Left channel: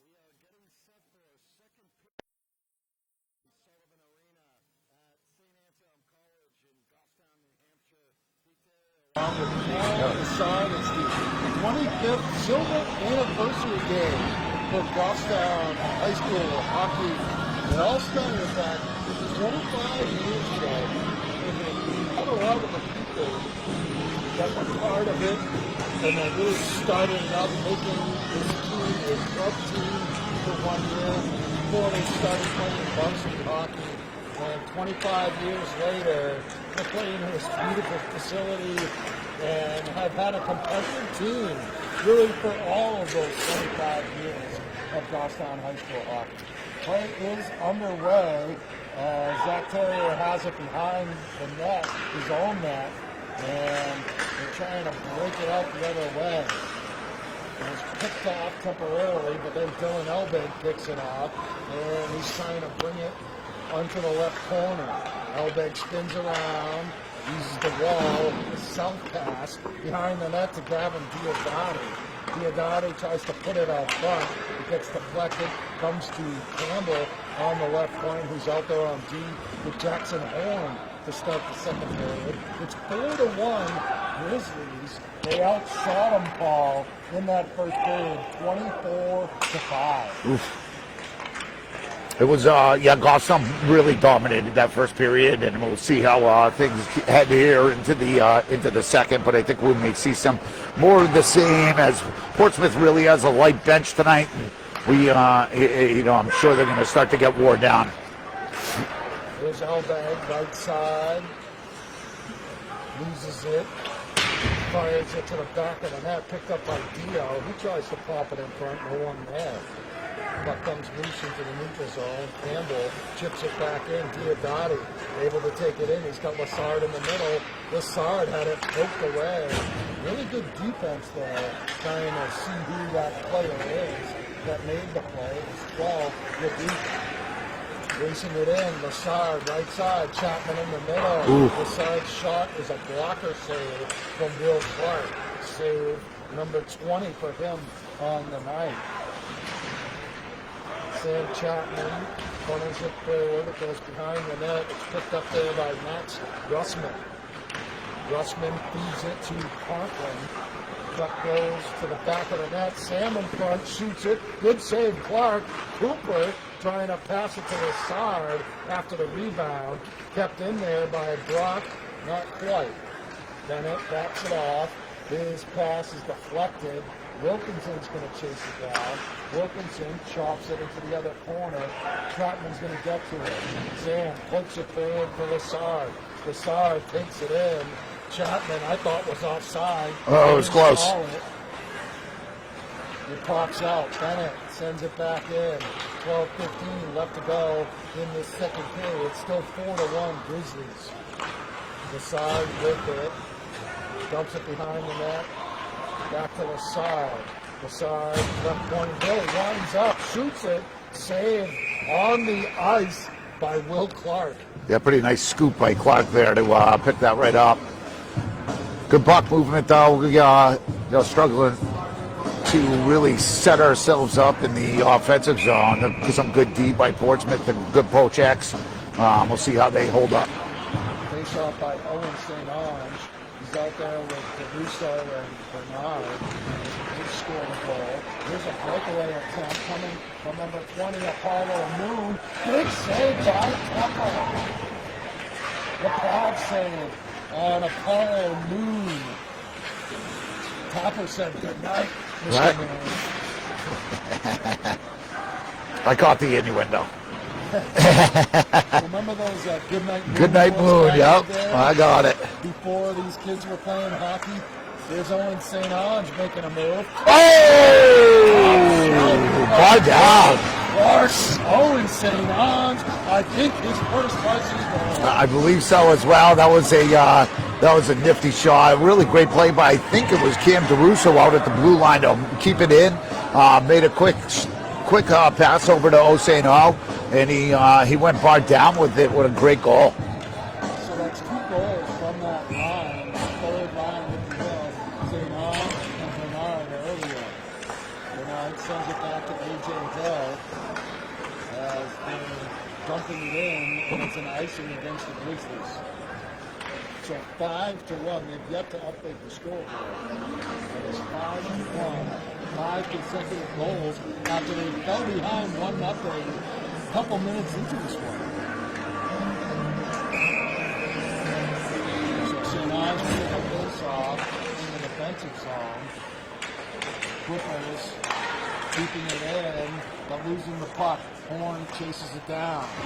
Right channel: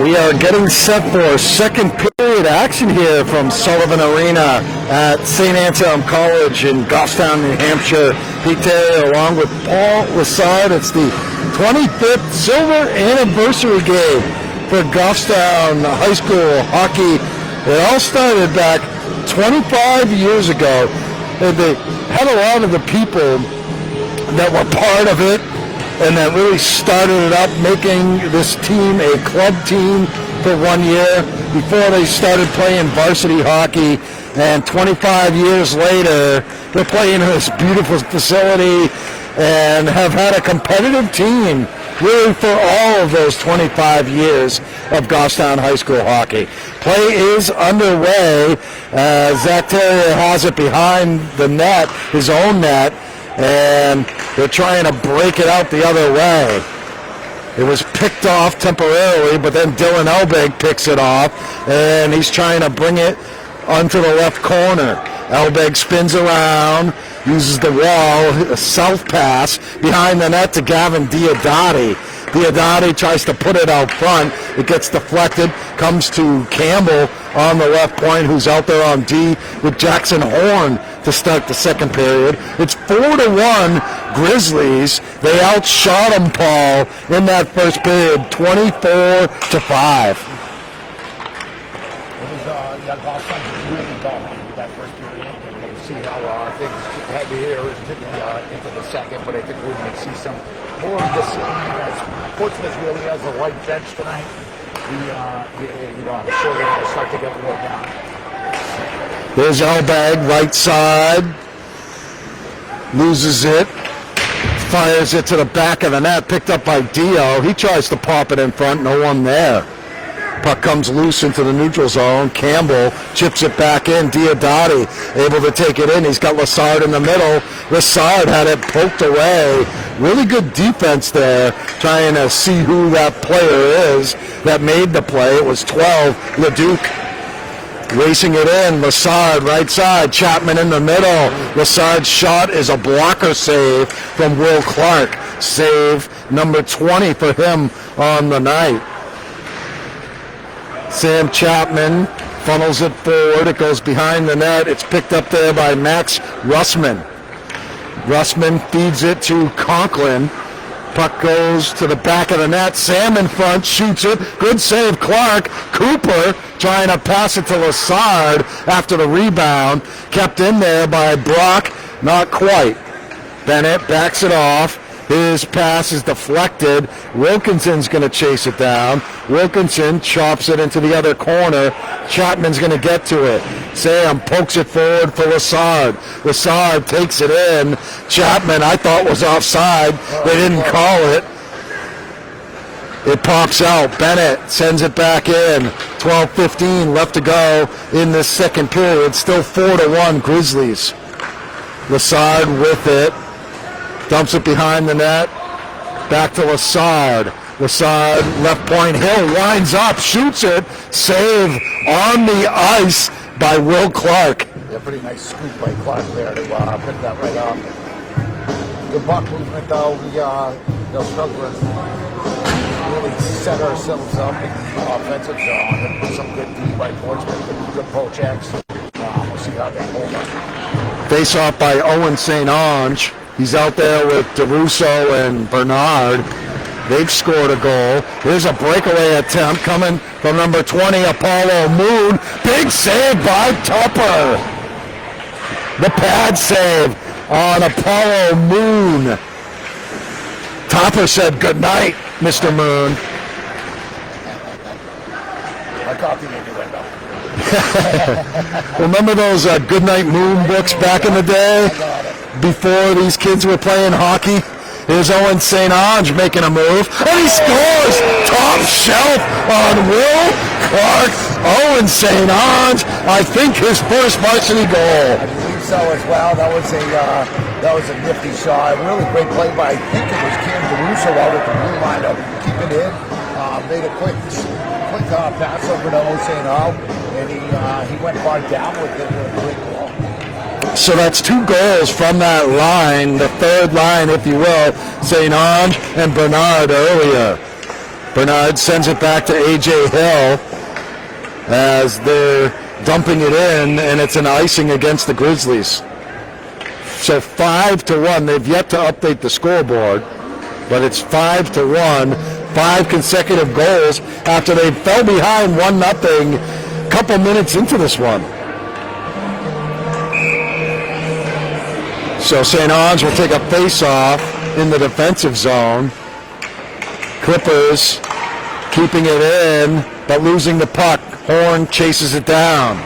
We are getting set for second period action here from Sullivan Arena at St. Anselm College in Goffstown, New Hampshire. Pete Terry along with Paul Lassard. It's the 25th silver anniversary game for Goffstown High School hockey. It all started back 25 years ago. And they had a lot of the people that were part of it and that really started it up, making this team a club team for 1 year before they started playing varsity hockey. And 25 years later, they're playing in this beautiful facility and have had a competitive team really for all of those 25 years of Goffstown High School hockey. Play is underway. Zach Terrier has it behind the net, his own net, and they're trying to break it out the other way. It was picked off temporarily, but then Dylan Elbig picks it off, and he's trying to bring it onto the left corner. Elbig spins around, uses the wall, a south pass behind the net to Gavin Diodati. Diodati tries to put it out front. It gets deflected, comes to Campbell on the left point, who's out there on D with Jackson Horn to start the second period. It's 4-1 Grizzlies. They outshot them, Paul, in that first period, 24-5. It was, Goffstown really dominated that first period, and we'll see how things head here into the second. But I think we may see some more of the same, as Portsmouth really has a light bench tonight. I'm sure they're going to start to get wore down. There's Elbag, right side, loses it, fires it to the back of the net, picked up by Dio. He tries to pop it in front, no one there. Puck comes loose into the neutral zone. Campbell chips it back in. Diodati able to take it in. He's got Lassard in the middle. Lassard had it poked away. Really good defense there, trying to see who that player is that made the play. It was 12, Leduc. Racing it in, Lassard right side, Chapman in the middle. Lassard's shot is a blocker save from Will Clark. Save number 20 for him on the night. Sam Chapman funnels it forward. It goes behind the net. It's picked up there by Max Russman. Russman feeds it to Conklin. Puck goes to the back of the net. Sam in front, shoots it. Good save, Clark. Cooper trying to pass it to Lassard after the rebound. Kept in there by Brock. Not quite. Bennett backs it off. His pass is deflected. Wilkinson's going to chase it down. Wilkinson chops it into the other corner. Chapman's going to get to it. Sam pokes it forward for Lassard. Lassard takes it in. Chapman, I thought, was offside. They didn't call it. It pops out. Bennett sends it back in. 12:15 left to go in this second period. Still 4-1 Grizzlies. Lassard with it. Dumps it behind the net. Back to Lassard. Lassard, left point. Hill winds up, shoots it. Save on the ice by Will Clark. Yeah, pretty nice scoop by Clark there to pick that right up. Good puck movement, though. They're struggling to really set ourselves up in the offensive zone. Some good D by Portsmouth and good poke checks. We'll see how they hold up. Face off by Owen St. Ange. He's out there with DeRusso and Bernard. They've scored a goal. Here's a breakaway attempt coming from number 20, Apollo Moon. Big save by Tupper. The pad save on Apollo Moon. Tupper said good night, Mr. Moon. I caught the innuendo. Remember those Goodnight Moon books back in the day? I got it. Before these kids were playing hockey? Here's Owen St. Ange making a move. He scores! Top shelf on Will Clark. Owen St. Ange, I think his first varsity goal. I believe so as well. That was a nifty shot. Really great play by, I think it was Cam DeRusso out at the blue line to keep it in. Made a quick pass over to O St. Ange, and he went far down with it. What a great goal. So that's two goals from that line, the third line, if you will, St. Ange and Bernard earlier. Bernard sends it back to A.J. Hill as they're dumping it in, and it's an icing against the Grizzlies. So 5-1. They've yet to update the scoreboard, but it's 5-1. 5 consecutive goals after they fell behind 1-0 a couple minutes into this one. So St. Ange will take a face-off in the defensive zone. Clippers keeping it in, but losing the puck. Horn chases it down.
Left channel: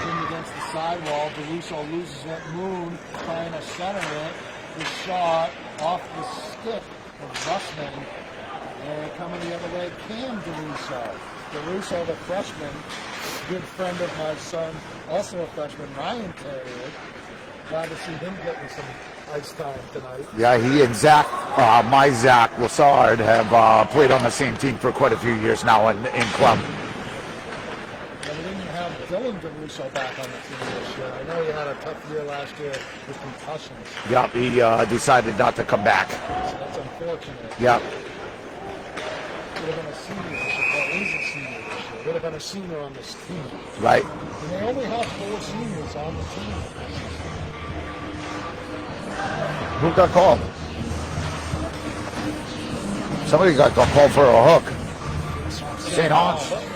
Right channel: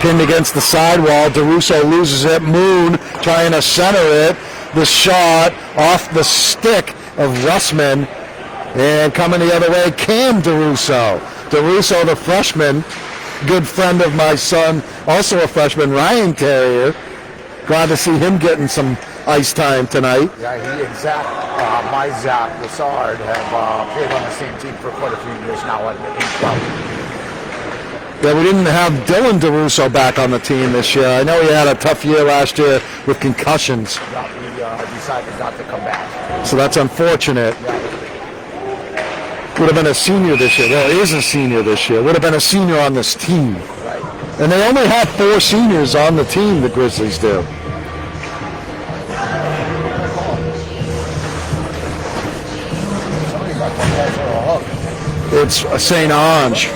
Pinned against the sidewall. DeRusso loses it. Moon trying to center it. The shot off the stick of Russman. And coming the other way, Cam DeRusso. DeRusso, the freshman, good friend of my son, also a freshman, Ryan Terrier. Glad to see him getting some ice time tonight. Yeah, he and Zach, my Zach Lassard, have played on the same team for quite a few years now in club. Yeah, we didn't have Dylan DeRusso back on the team this year. I know he had a tough year last year with concussions. Yeah, he decided not to come back. So that's unfortunate. Yeah. Would have been a senior this year. Well, he is a senior this year. Would have been a senior on this team. Right. And they only have 4 seniors on the team, the Grizzlies do. Who got called? Somebody got the call for a hook. It's St. Ange.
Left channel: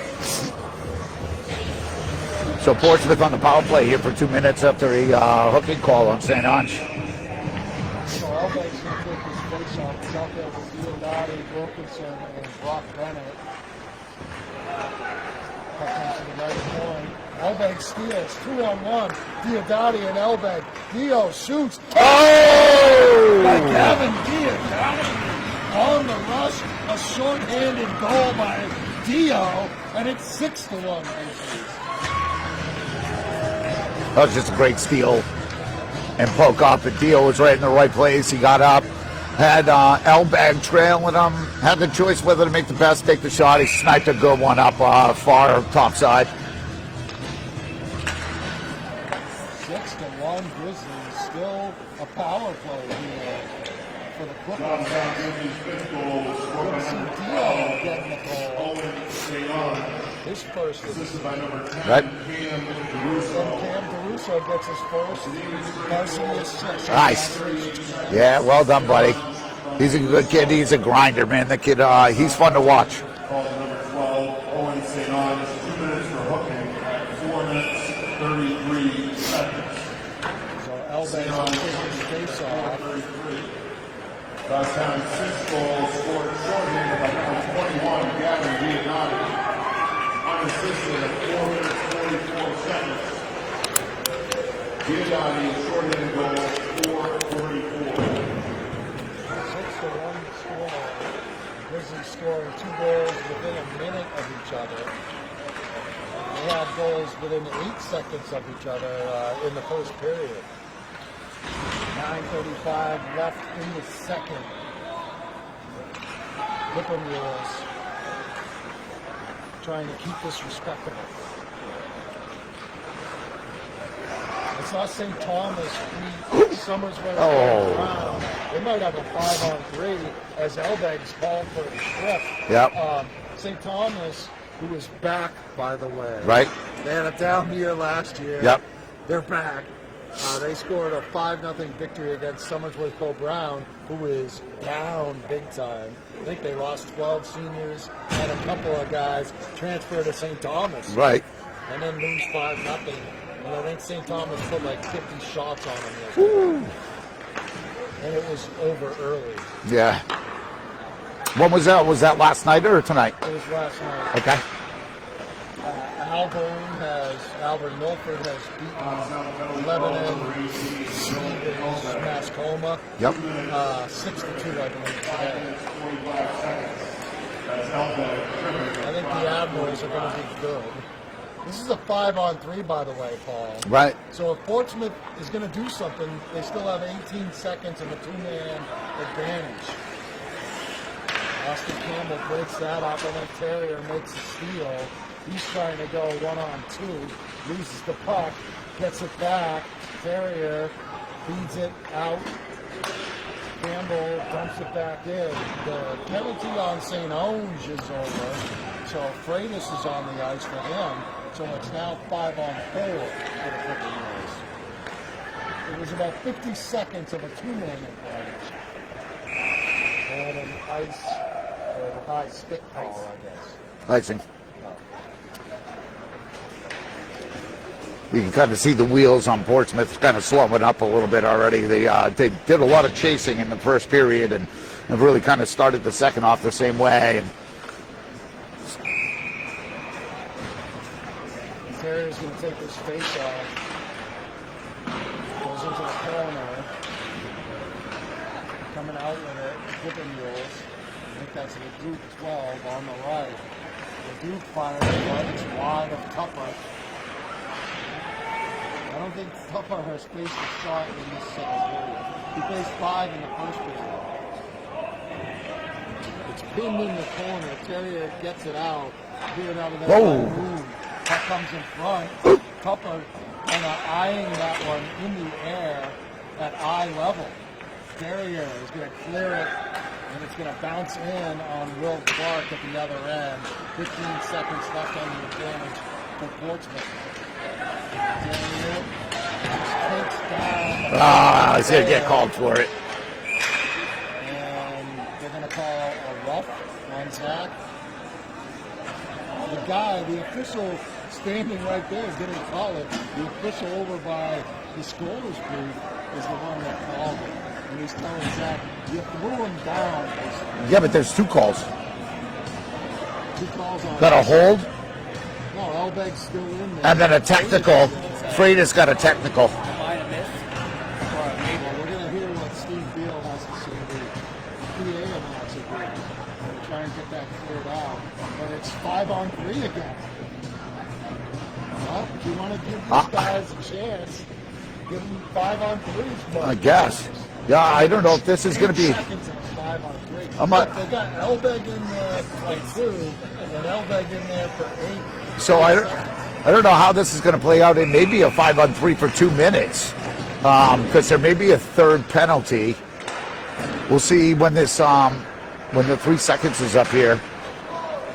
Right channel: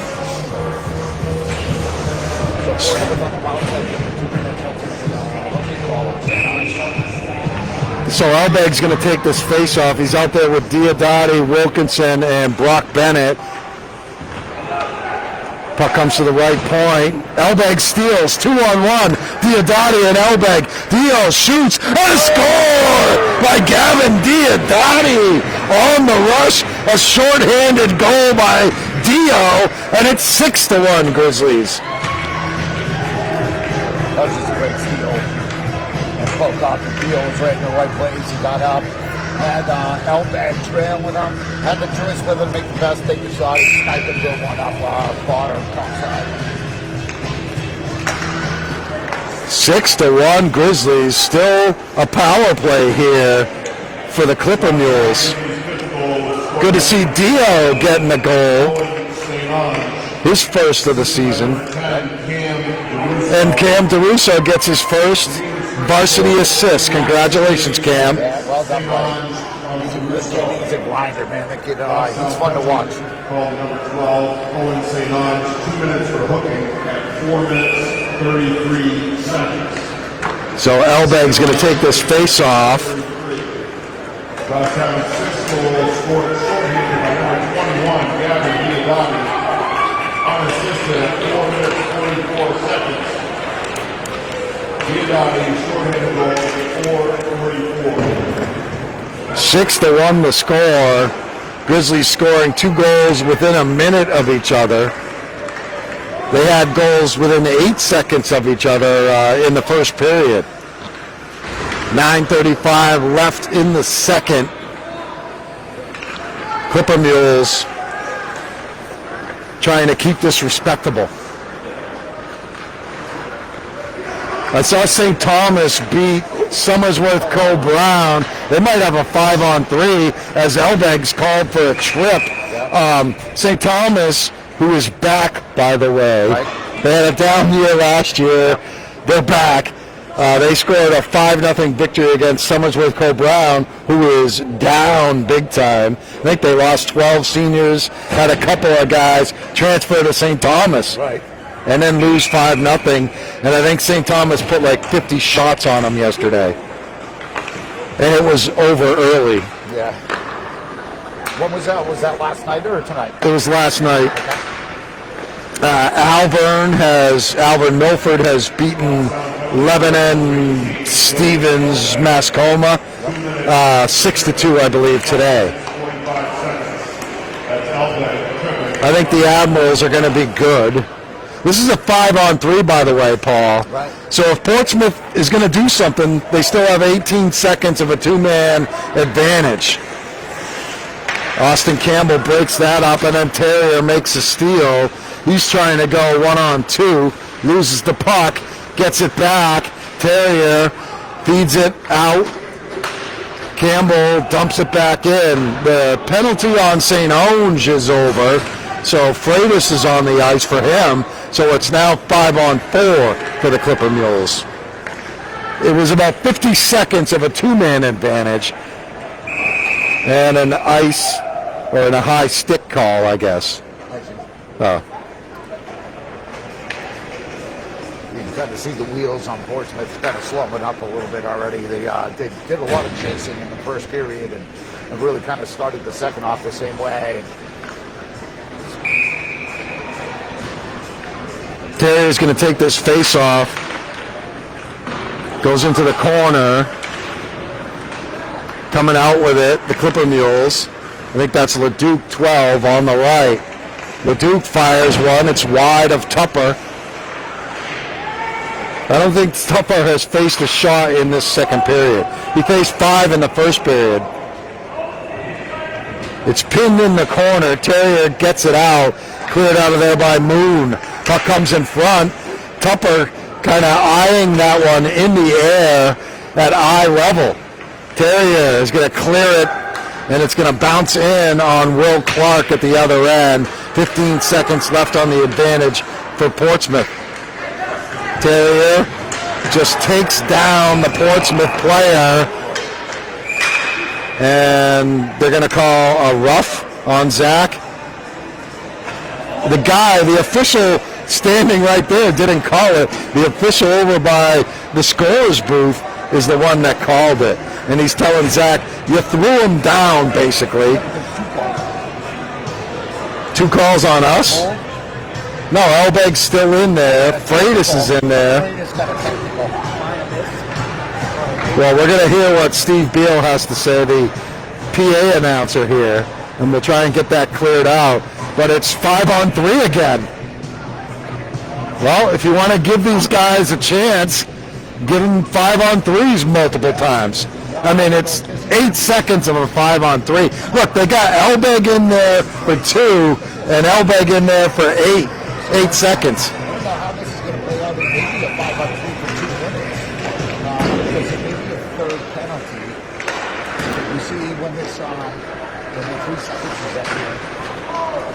So Portsmouth on the power play here for 2 minutes after a hooking call on St. Ange. So Elbeg's going to take this face-off. He's out there with Diodati, Wilkinson, and Brock Bennett. Puck comes to the right point. Elbeg steals, 2-on-1. Diodati and Elbeg. Dio shoots, and a score by Gavin Diodati. On the rush, a short-handed goal by Dio, and it's 6-1 Grizzlies. That was just a great steal. And poke off, and Dio was right in the right place. He got up, had Elbag trailing him, had the choice whether to make the pass, take the shot. He sniped a good one up far top side. 6-1 Grizzlies. Still a power play here for the Clipper Mules. Good to see Dio getting a goal. His first of the season. And Cam DeRusso gets his first varsity assist. Congratulations, Cam. Yeah, well done, buddy. He's a good kid. He's a grinder, man. The kid, he's fun to watch. 12, St. Ange, 2 minutes for hooking at 4 minutes, 33 seconds. So Elbeg's going to take this face off. Last time 6 goals, short-handed by number 21, Gavin Diodati, unassisted at 4 minutes, 44 seconds. Diodati, short-handed goal, 4:34. 6-1 the score. Grizzlies scoring 2 goals within a minute of each other. They had goals within 8 seconds of each other in the first period. 9:35 left in the second. Clipper Mules trying to keep this respectable. I saw St. Thomas beat Somersworth Co-Brown. They might have a 5-on-3 as Elbeg's called for a trip. Yep. St. Thomas, who is back, by the way. Right. They had a down year last year. Yep. They're back. They scored a 5-0 victory against Somersworth Co-Brown, who is down big time. I think they lost 12 seniors, had a couple of guys transfer to St. Thomas. Right. And then lose 5-0. And I think St. Thomas put like 50 shots on them yesterday. And it was over early. Yeah. When was that? Was that last night or tonight? It was last night. Okay. Alvern Milford has beaten Lebanon, Stevens, Mascoma, 6-2, I believe, today. I think the Admirals are going to be good. This is a 5-on-3, by the way, Paul. Right. So if Portsmouth is going to do something, they still have 18 seconds of a 2-man advantage. Austin Campbell breaks that up, and then Terrier makes a steal. He's trying to go 1-on-2, loses the puck, gets it back. Terrier feeds it out. Campbell dumps it back in. The penalty on St. Onge is over, so Freitas is on the ice for him. So it's now 5-on-4 for the Clipper Mules. It was about 50 seconds of a two-man advantage and an ice or a high stick call, I guess. Icing. Oh. You can kind of see the wheels on Portsmouth kind of slowing up a little bit already. They did a lot of chasing in the first period and really kind of started the second off the same way. Terrier's going to take this face off. Goes into the corner. Coming out with it, the Clipper Mules. I think that's LeDuc 12 on the right. LeDuc fires one. It's wide of Tupper. I don't think Tupper has faced a shot in this second period. He faced 5 in the first period. It's pinned in the corner. Terrier gets it out. Cleared out of there by Moon. Puck comes in front. Tupper kind of eyeing that one in the air at eye level. Terrier is going to clear it, and it's going to bounce in on Will Clark at the other end. 15 seconds left on the advantage for Portsmouth. Terrier just takes down the Portsmouth player, and they're going to call a rough on Zach. The official standing right there didn't call it. The official over by the scorer's booth is the one that called it. And he's telling Zach, you threw him down, basically. Yeah, but there's 2 calls. 2 calls on us? Hold. No, Elbeg's still in there. Freitas is in there. Freitas got a technical. Well, we're going to hear what Steve Beal has to say, the PA announcer here, and we'll try and get that cleared out. But it's 5-on-3 again. Well, if you want to give these guys a chance, give them 5-on-3s multiple times. Yeah, I mean, it's it's 8 seconds of a 5-on-3. Look, they got Elbeg in there for 2 and Elbeg in there for 8. So 8 seconds. I don't know how this is going to play out. It may be a 5-on-3 for 2 minutes because there may be a third penalty. We'll see when this when the 3 seconds is up here.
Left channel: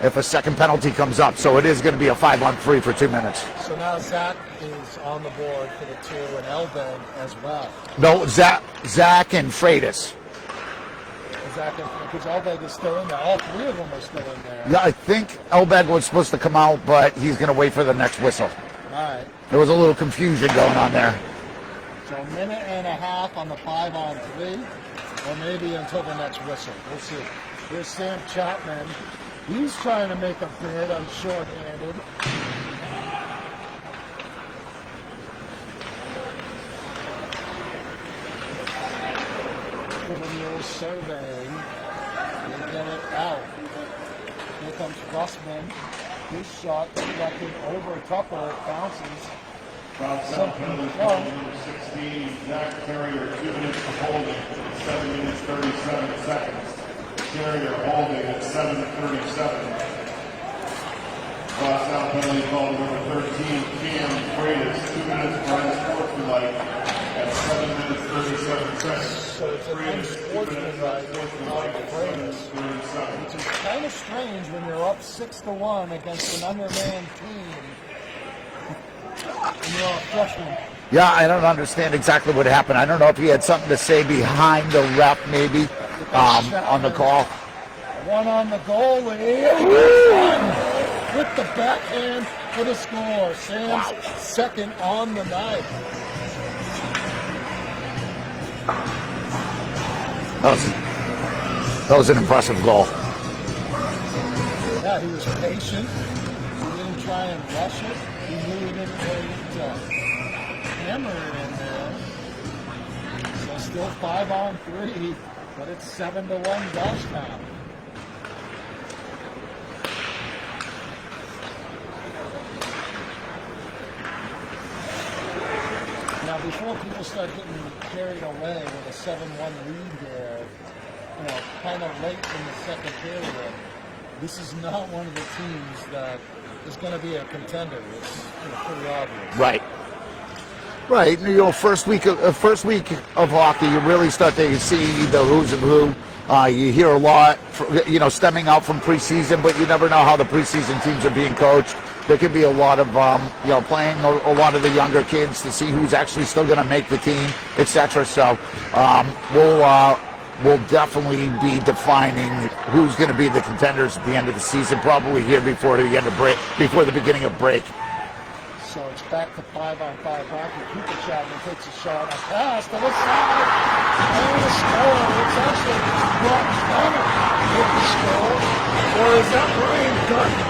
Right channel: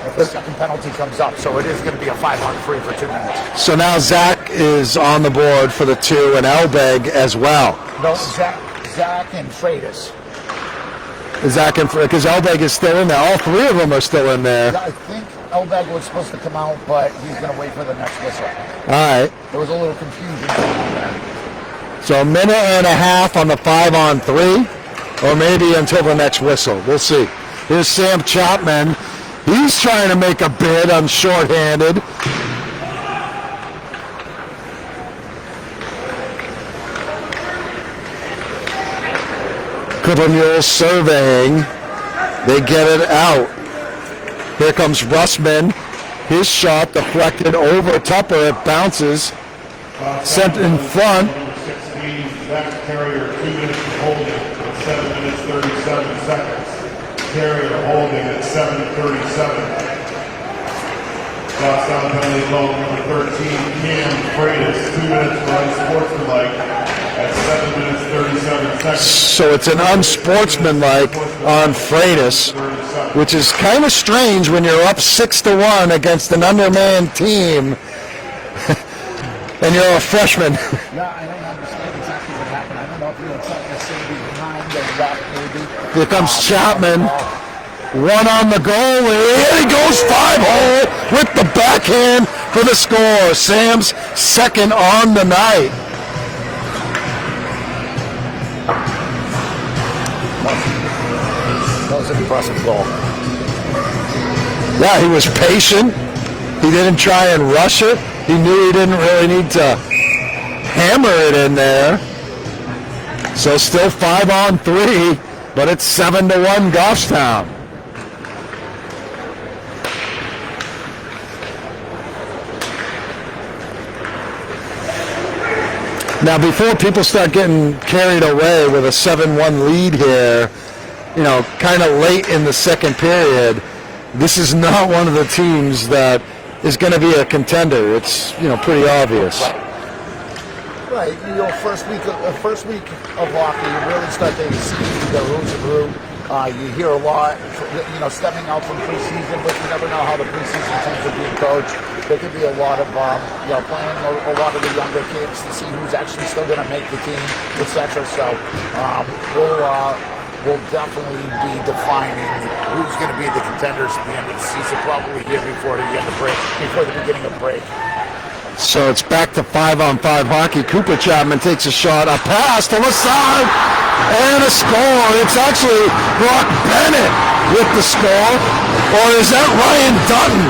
If a second penalty comes up, so it is going to be a 5-on-3 for 2 minutes. So now Zach is on the board for the 2 and Elbeg as well. No, Zach and Freitas. Zach and because Elbeg is still in there. All 3 of them are still in there. I think Elbeg was supposed to come out, but he's going to wait for the next whistle. All right. There was a little confusion going on there. So a minute and a half on the 5-on-3, or maybe until the next whistle. We'll see. Here's Sam Chapman. He's trying to make a bid on shorthanded. Clipper Mules surveying. They get it out. Here comes Russman. His shot deflected over Tupper. It bounces. Sent in front. 16, Zach Terrier, 2 minutes to holding, 7 minutes 37 seconds. Terrier holding at 7:37. Goffstown penalty call number 13, Cam Freitas, 2 minutes for unsportsmanlike at 7 minutes 37 seconds. So it's an unsportsmanlike on Freitas, which is kind of strange when you're up 6-1 against an undermanned team. And you're a freshman. Yeah, I don't understand exactly what happened. I don't know if he had something to say behind the ref, maybe. Here comes Chapman. One on the goal. And he goes 5-hole with the backhand for the score. Sam's second on the night. That was an impressive goal. Yeah, he was patient. He didn't try and rush it. He knew he didn't really need to hammer it in there. So still 5-on-3, but it's 7-1 Goffstown. Now, before people start getting carried away with a 7-1 lead here, you know, kind of late in the second period, this is not one of the teams that is going to be a contender. It's, you know, pretty obvious. Right. Right, first week of hockey, you really start to see the who's and who. You hear a lot, stemming out from preseason, but you never know how the preseason teams are being coached. There could be a lot of playing a lot of the younger kids to see who's actually still going to make the team, etc. So we'll definitely be defining who's going to be the contenders at the end of the season, probably here before the beginning of break. So it's back to 5-on-5 hockey. Cooper Chapman takes a shot, a pass to the side, and a score. It's actually Brock Bennett with the score. Or is that Ryan Dutton?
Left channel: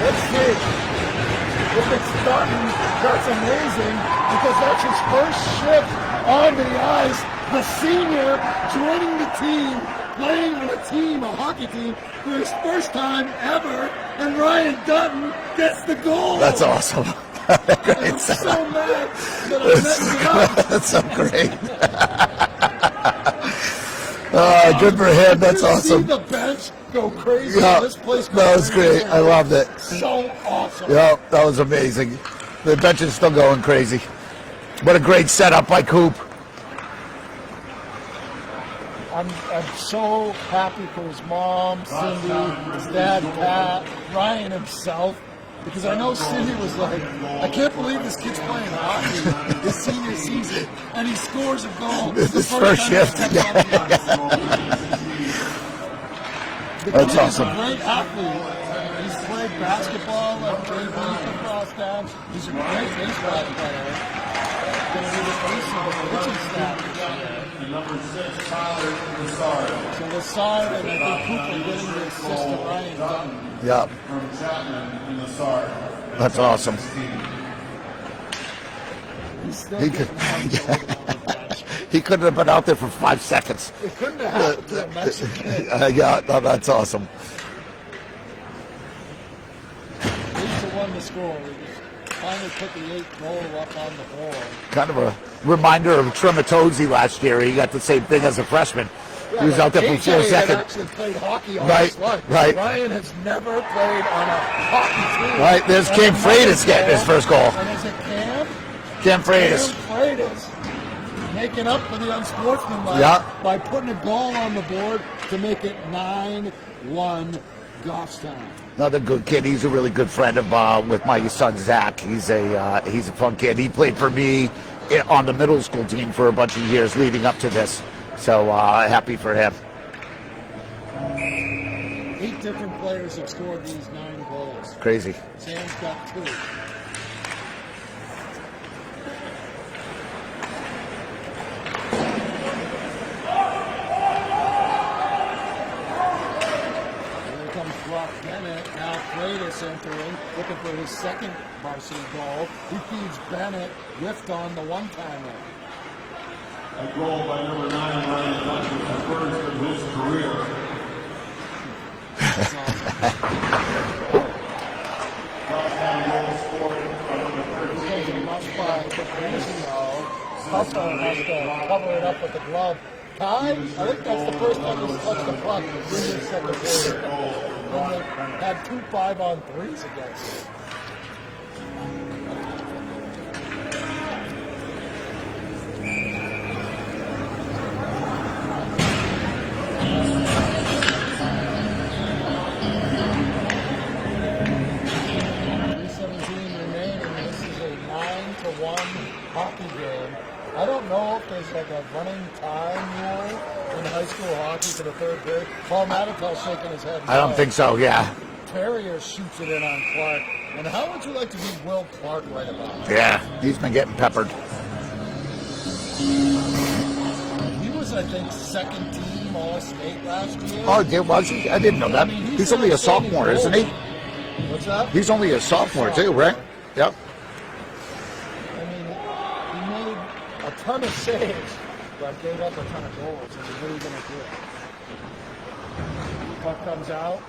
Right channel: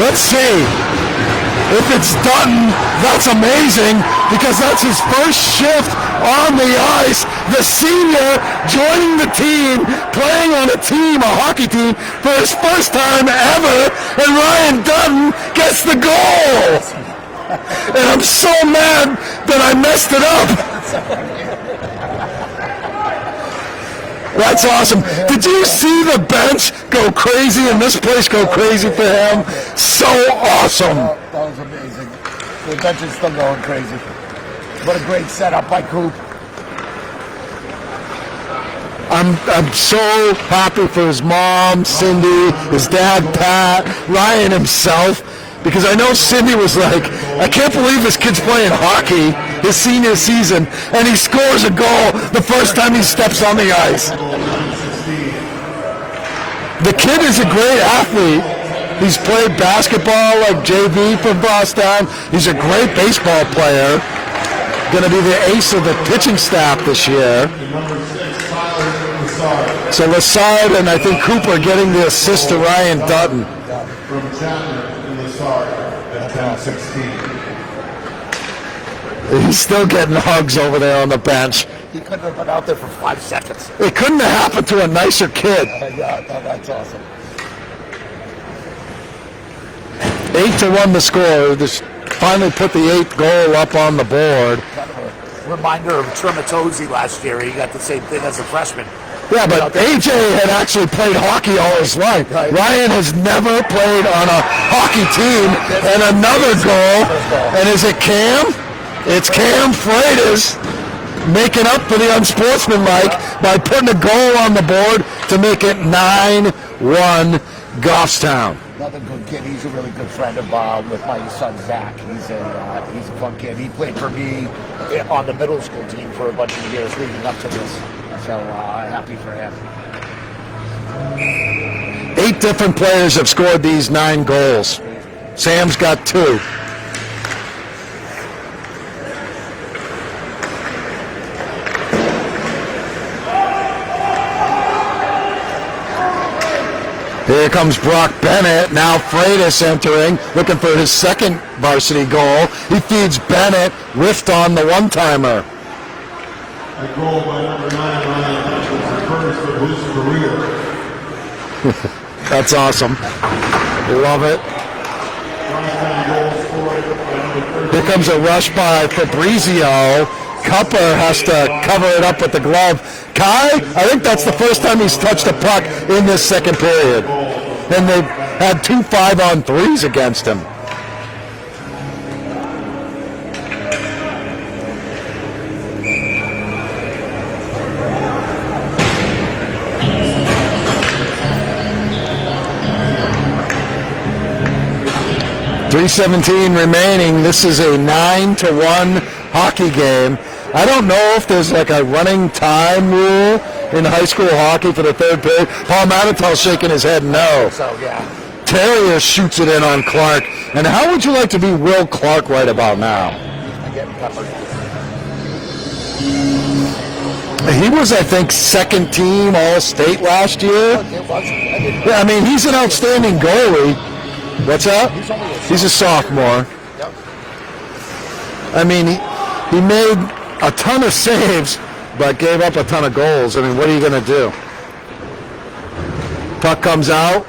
Let's see. If it's Dutton, that's amazing because that's his first shift on the ice. The senior joining the team, playing on a hockey team, for his first time ever, and Ryan Dutton gets the goal. And I'm so mad that I messed it up. That's awesome. Did you see the bench go crazy and this place go crazy for him? So awesome. That was amazing. The bench is still going crazy. What a great setup by Coop. I'm so happy for his mom, Cindy, his dad, Pat, Ryan himself, because I know Cindy was like, I can't believe this kid's playing hockey his senior season, and he scores a goal the first time he steps on the ice. The kid is a great athlete. He's played basketball like JV for Boston. He's a great baseball player. Going to be the ace of the pitching staff this year. So Lassard and I think Cooper getting the assist to Ryan Dutton. Yeah. That's awesome. He's still getting hugs over there on the bench. He couldn't have been out there for 5 seconds. It couldn't have happened to a nicer kid. That's awesome. 8-1 the score. Just finally put the 8th goal up on the board. Kind of a reminder of Trumatozzi last year. He got the same thing as a freshman. Yeah, but AJ had actually played hockey all his life. Right. Ryan has never played on a hockey team. Right, and another goal. And is it Cam? It's Cam Freitas making up for the unsportsmanlike by putting a goal on the board to make it 9-1 Goffstown. Another good kid. He's a really good friend of with my son Zach. He's a fun kid. He played for me on the middle school team for a bunch of years leading up to this. So happy for him. 8 different players have scored these 9 goals. Crazy. Sam's got 2. Here comes Brock Bennett. Now Freitas entering, looking for his second varsity goal. He feeds Bennett, whiffed on the one-timer. A goal by number 9, Ryan Dutton, the first of his career. That's awesome. Love it. Here comes a rush by Fabrizio. Cupper has to cover it up with the glove. Kai, I think that's the first time he's touched a puck in this second period. And they've had 2 5-on-3s against him. .317 remaining. This is a 9-1 hockey game. I don't know if there's like a running time rule in high school hockey for the third period. Paul Manatel's shaking his head no. I don't think so, yeah. Terrier shoots it in on Clark. And how would you like to be Will Clark right about now? Yeah, he's been getting peppered. He was, I think, second team All-State last year. Oh, was he? I didn't know. Yeah, I mean, he's an outstanding goalie. What's that? He's only a sophomore. He's a sophomore. Right? Yep. I mean, he made a ton of saves, but gave up a ton of goals. I mean, what are you going to do? Puck comes out.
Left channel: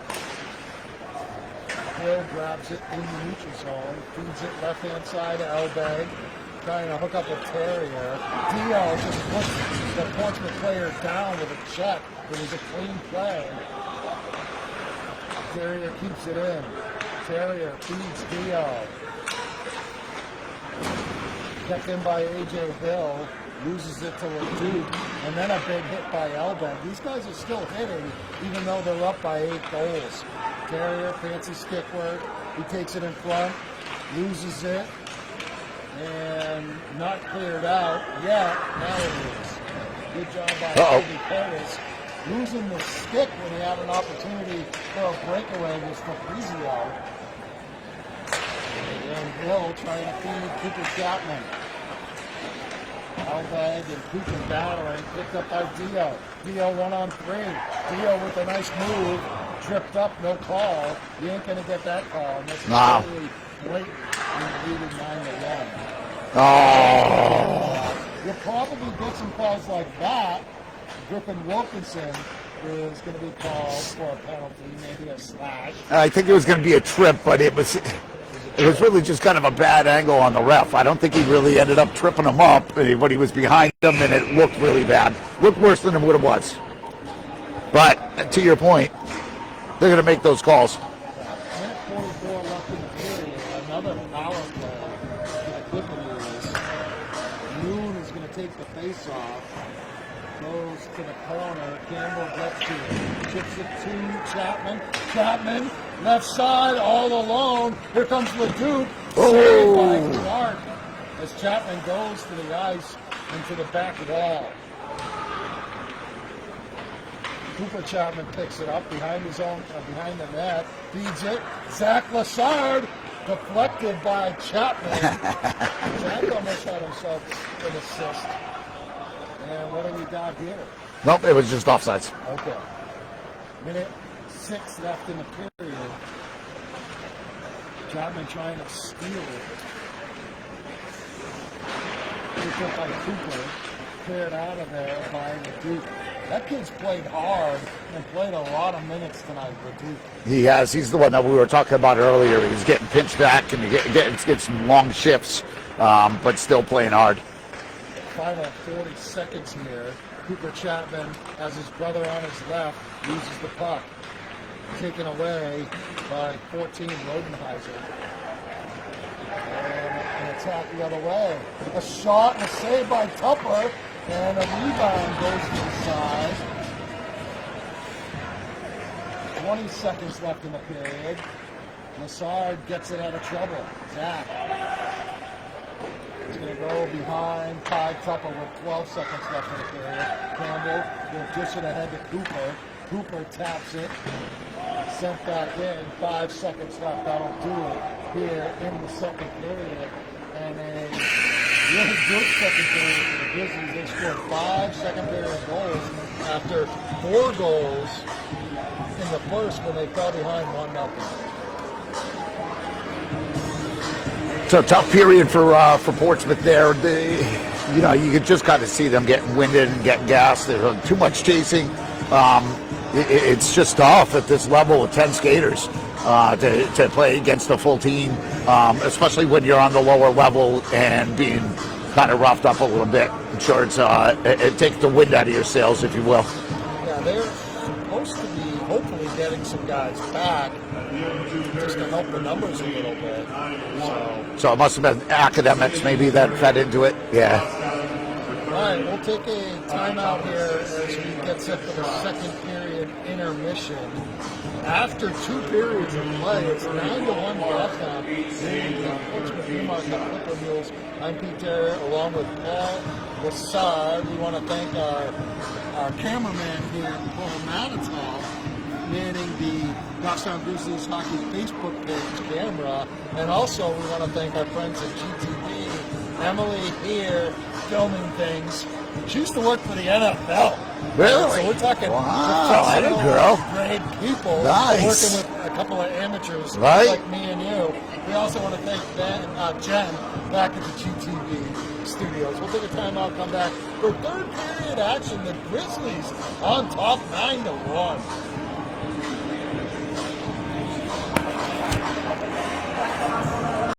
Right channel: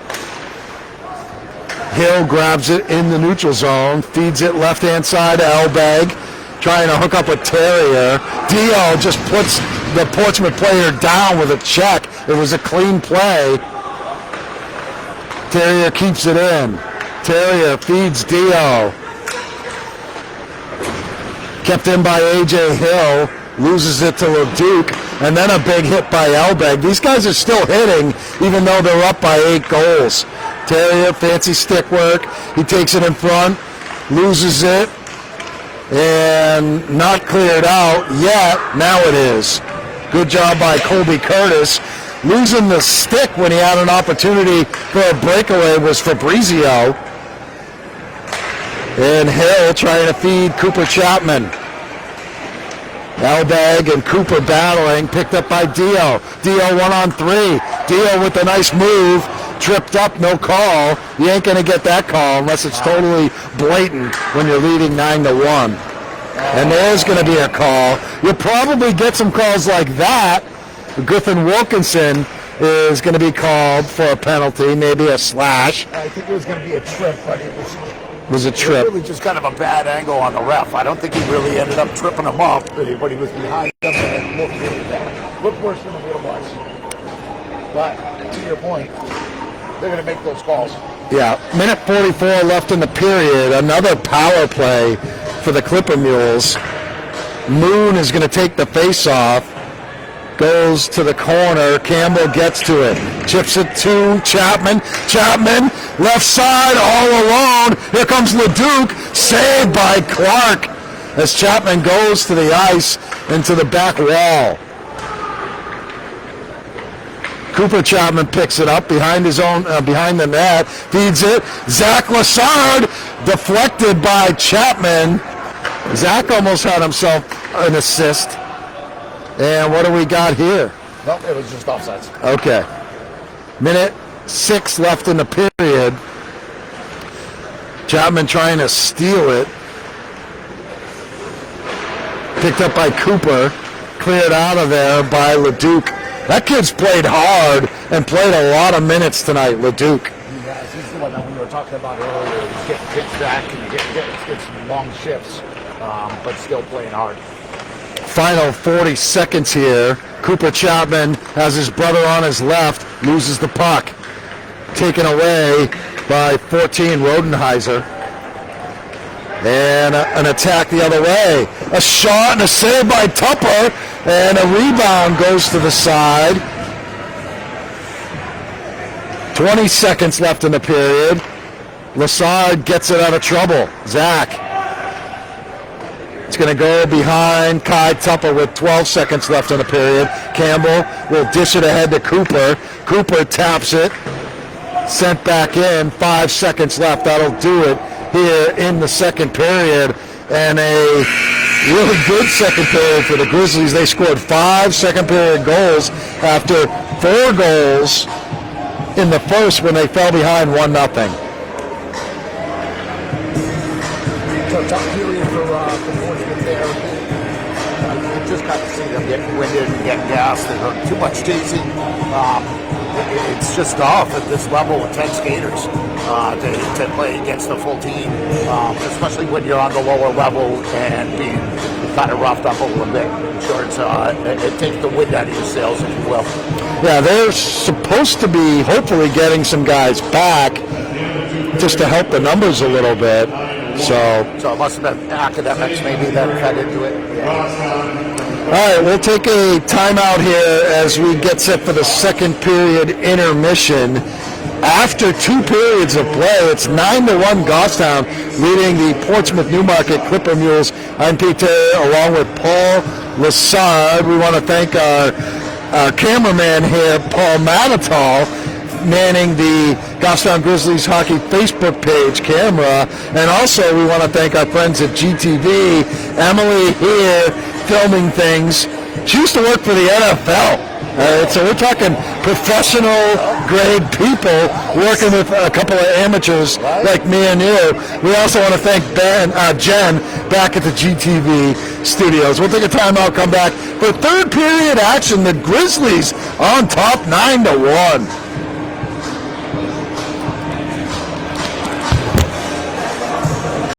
Hill grabs it in the neutral zone, feeds it left-hand side to Elbag, trying to hook up with Terrier. Dio just puts the Portsmouth player down with a check. It was a clean play. Terrier keeps it in. Terrier feeds Dio. kept in by A.J. Hill, loses it to LeDuc, and then a big hit by Elbeg. These guys are still hitting, even though they're up by 8 goals. Terrier, fancy stick work. He takes it in front, loses it, and not cleared out yet. Now it is. Good job by Colby Curtis. Losing the stick when he had an opportunity for a breakaway was Fabrizio. And Hill trying to feed Cooper Chapman. Elbeg and Cooper battling, picked up by Dio. Dio 1-on-3. Dio with a nice move, tripped up, no call. You ain't going to get that call unless it's totally blatant when you're leading 9-1. And there's going to be a call. You'll probably get some calls like that. Griffin Wilkinson is going to be called for a penalty, maybe a slash. I think it was going to be a trip, but it was a trip. It was just kind of a bad angle on the ref. I don't think he really ended up tripping him up, but he was behind him, and it looked really bad. Looked worse than what it was. But to your point, they're going to make those calls. Yeah, minute 44 left in the period. Another power play for the Clipper Mules. Moon is going to take the face-off. Goes to the corner. Campbell gets to it. Chips it to Chapman. Chapman, left side, all alone. Here comes LeDuc. Saved by Clark as Chapman goes to the ice and to the back wall. Cooper Chapman picks it up behind his own, behind the net. Feeds it. Zach Lassard deflected by Chapman. Zach almost had himself an assist. And what do we got here? Nope, it was just offsides. Okay. Minute 6 left in the period. Chapman trying to steal it. Picked up by Cooper. Cleared out of there by LeDuc. That kid's played hard and played a lot of minutes tonight, LeDuc. He has. He's the one that we were talking about earlier. He's getting pinched back and getting some long shifts, but still playing hard. Final 40 seconds here. Cooper Chapman has his brother on his left, loses the puck. Taken away by 14, Rodenheiser. And an attack the other way. A shot and a save by Tupper, and a rebound goes to the side. 20 seconds left in the period. Lassard gets it out of trouble. Zach. It's going to go behind Kai Tupper with 12 seconds left in the period. Campbell will dish it ahead to Cooper. Cooper taps it. Sent back in. 5 seconds left. That'll do it here in the second period. And a really good second period for the Grizzlies. They scored 5 second period goals after 4 goals in the first when they fell behind 1-0. It's a tough period for Portsmouth there. You just got to see them getting winded and getting gassed. They heard too much chasing. It's just tough at this level with 10 skaters to play against the full team, especially when you're on the lower level and being kind of roughed up a little bit. It takes the wind out of your sails, if you will. Yeah, they're supposed to be hopefully getting some guys back just to help the numbers a little bit. So it must have been academics maybe that cut into it. Yeah. All right, we'll take a timeout here as we get set for the second period intermission. After 2 periods of play, it's 9-1 Goffstown leading the Portsmouth Newmarket Clipper Mules. I'm Pete Terry along with Paul Lassard. We want to thank our cameraman here, Paul Matatal, manning the Goffstown Grizzlies Hockey Facebook page camera. And also we want to thank our friends at GTV. Emily here filming things. She used to work for the NFL. So we're talking professional grade people working with a couple of amateurs like me and you. We also want to thank Jen back at the GTV studios. We'll take a timeout, come back for third period action. The Grizzlies on top 9-1.